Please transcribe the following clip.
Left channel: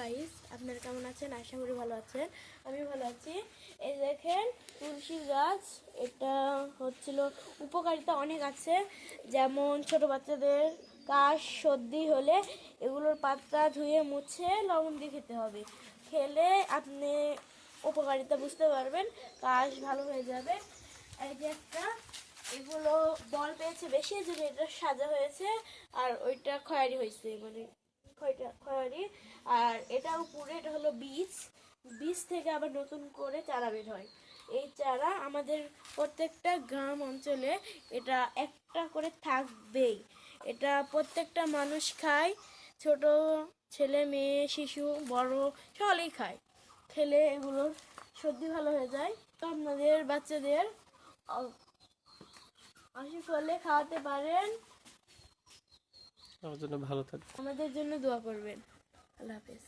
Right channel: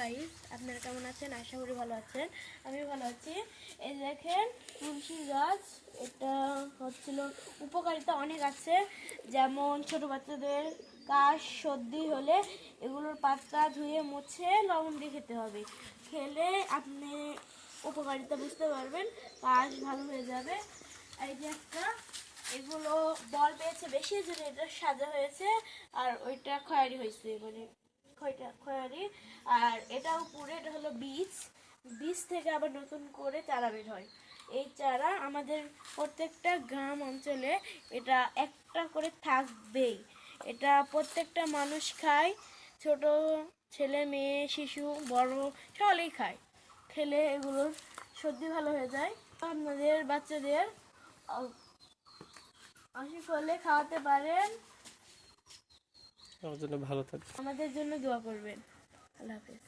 Guys, আপনারা কেমন আছেন? আশা করি ভালো আছেন। আমি ভালো আছি। এই দেখেন তুলসীর গাছ, এটা হচ্ছিল উপকারিতা অনেক আছে। যেমন ছোট বাচ্চাদের কাশ সর্দি হলে এগুলোর পাতা ধুয়ে মুছে লবণ দিয়ে খেতে হবে। খেলে আপনি উপকারিতা বুঝতে পারবেন, কাশ ভালো হয়ে যাবে। এই যে একটা এগুলো বল পেয়েছে বেশি, যদি এটা সাদা হয়েছে আর ওইটা খয়েরি হয়েছে, মানে খয়েরি। আর এটা উপরে এটা হলো বীজ, বীজ থেকে আবার নতুন করে চারা বের হয়। এই চারা আমাদের প্রত্যেকটা গ্রাম অঞ্চলে এটা একটা করে থাকবেই। এটা প্রত্যেকটা মানুষ খায়, ছোট ছেলে মেয়ে শিশু বড় সকলেই খায়। খেলে এগুলোর সর্দি ভালো হয়ে যায়। আপনাদের বাচ্চাদের অসুখ হলে খাওয়াতে পারেন। আমার জন্য ভালো থাকবে। আমাদের জন্য দোয়া করবেন। আল্লাহ হাফেজ।